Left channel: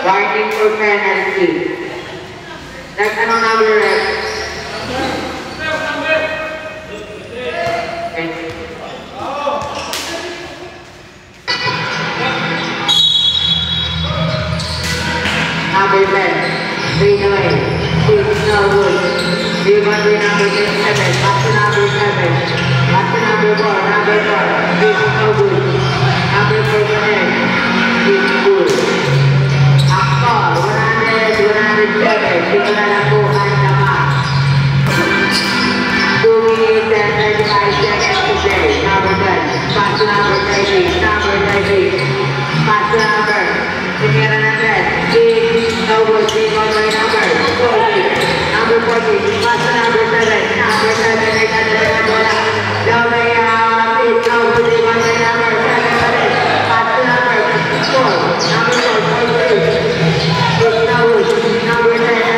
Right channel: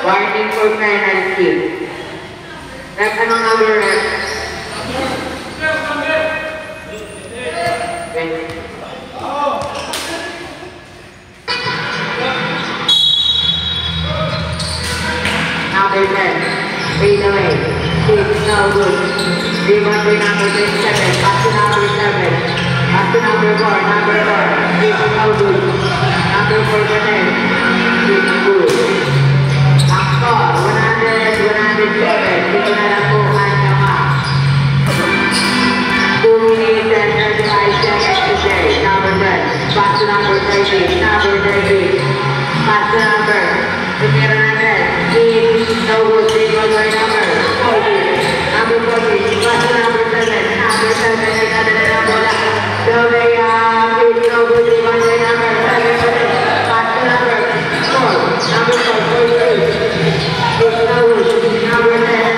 Warning for penalty. That's another ref. Number 10, fade away. 6, no good. Rebound to number 7, back to number 7. Back to number 4, number 4. 6, no good. Number 4, 6, good. 107, dito na lang po ang naman. 2 minutes and 35 seconds to play. Number 10, back to number 13, number 13. Back to number, tumira na 10. 8, no good, take over number 40. Number 40, back to number 7. Number 7, may kada na number 1. So may 8, no good, take over number 7. Back to number 4. Number 4, 43. Number 10,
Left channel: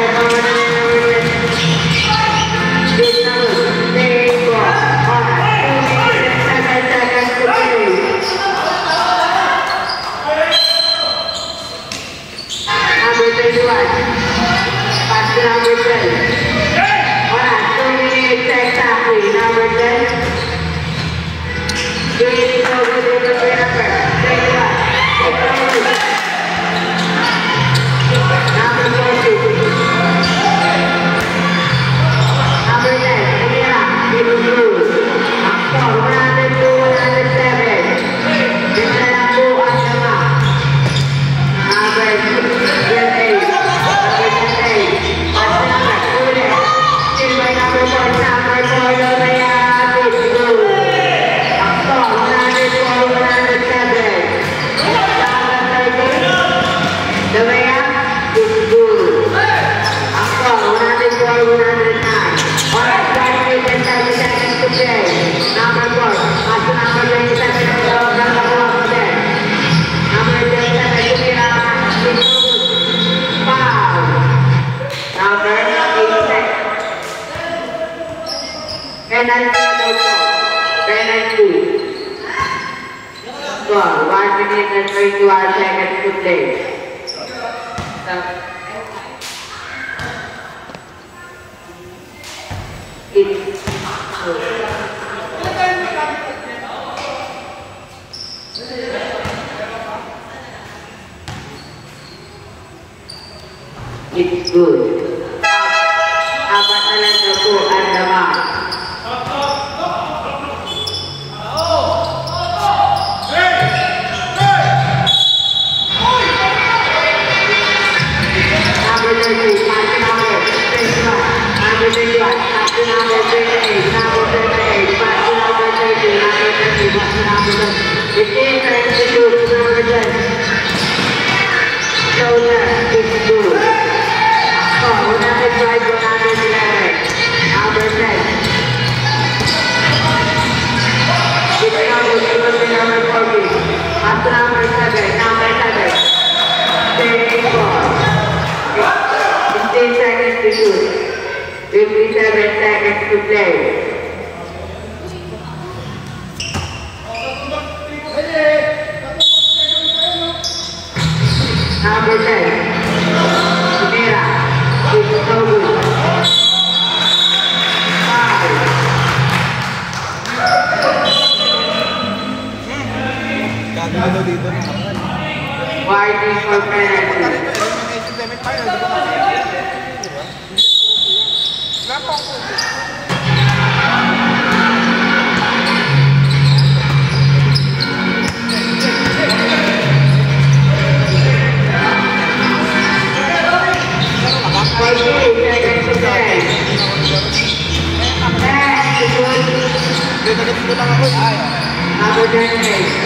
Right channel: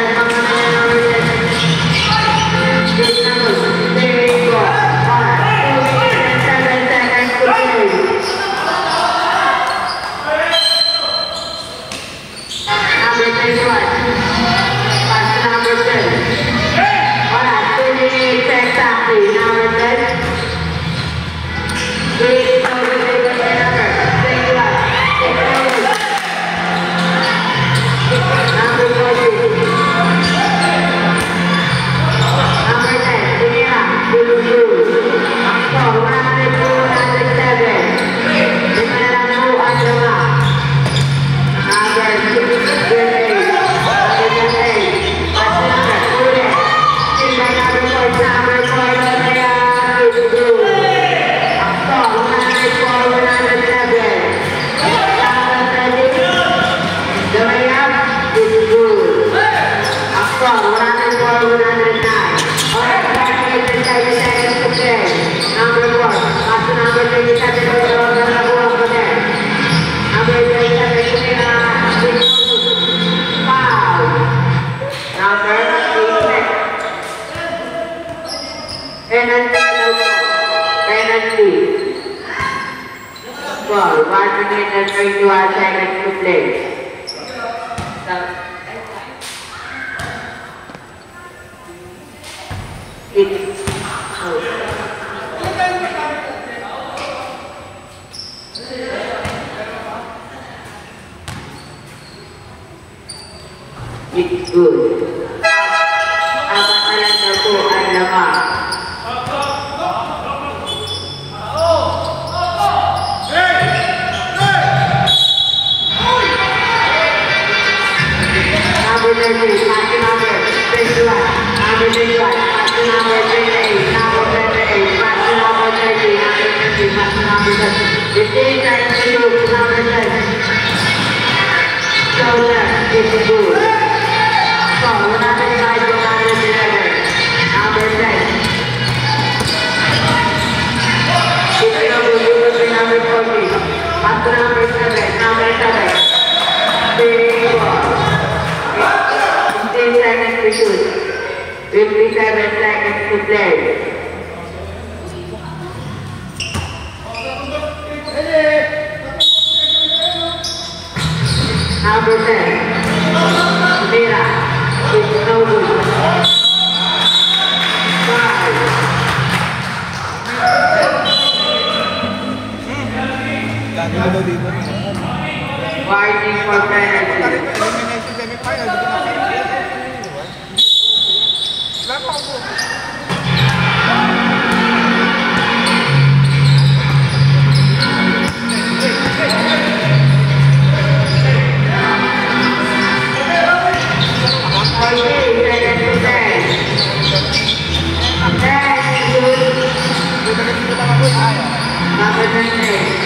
it's good. Dapat na lang daw po ang laman. Seconds to play. number 10. Mira, it's no good. 5. Fighting for penalty. Elimination semi-final, di ko nakita. Wala pa ako. Number 10.